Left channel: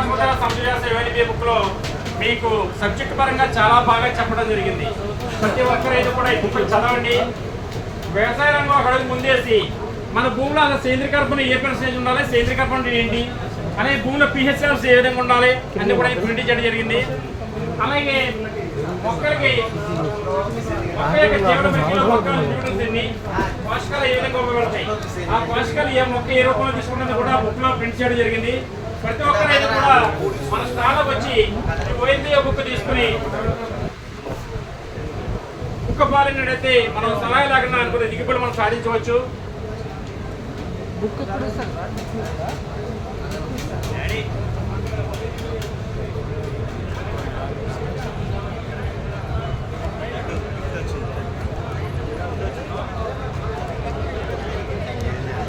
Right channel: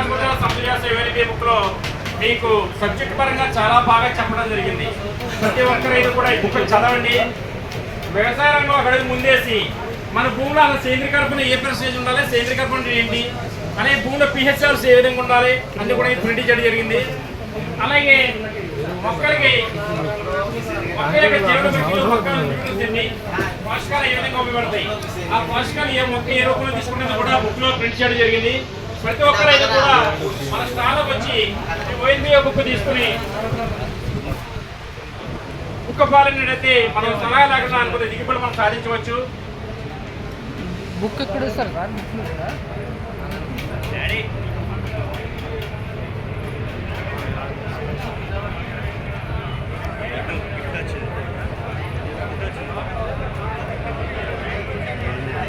పశువుల సంపద సేవలకి బుక్ లో మీకు సబ్జెక్ట్ పరంగా చాలా బాగా చెప్పడం జరిగింది. ప్రతి ఒక్క రైతు కూడా ఈ బుక్ చదవండి. వ్యవసాయ రంగం అక్కడ ముందేసి మన భూమిలో అసలు సేంద్రీయ కర్బనం ఏ పర్సెంటేజ్ ఉండాలి, సేంద్రీయ కర్బనం ఏంటి అనే భూమిలో పిహెచ్ లెవెల్స్ ఏ విధంగా ఉండాలి అన్ని కూడా ప్రింట్ చేయడం జరిగింది. అలాగే మొక్కలకి పోషకాలు ఏ విధంగా ఉపయోగపడతాయి, ఆ పోషకాలు ఏ మొక్క ఏ రూపంలో తీసుకున్నది కూడా బుక్ లో ప్రింట్ చేయడం జరిగింది. ప్రతి ఒక్కరైతే కూడా మన స్థానంలోకి వచ్చి ONBA బుక్ తీసుకుని బుక్ పాలనైతే మనం సలహా లేకుండా అనుకునే దిగుబడి మనం సాధించవచ్చు. బుక్ ఎక్కడ సార్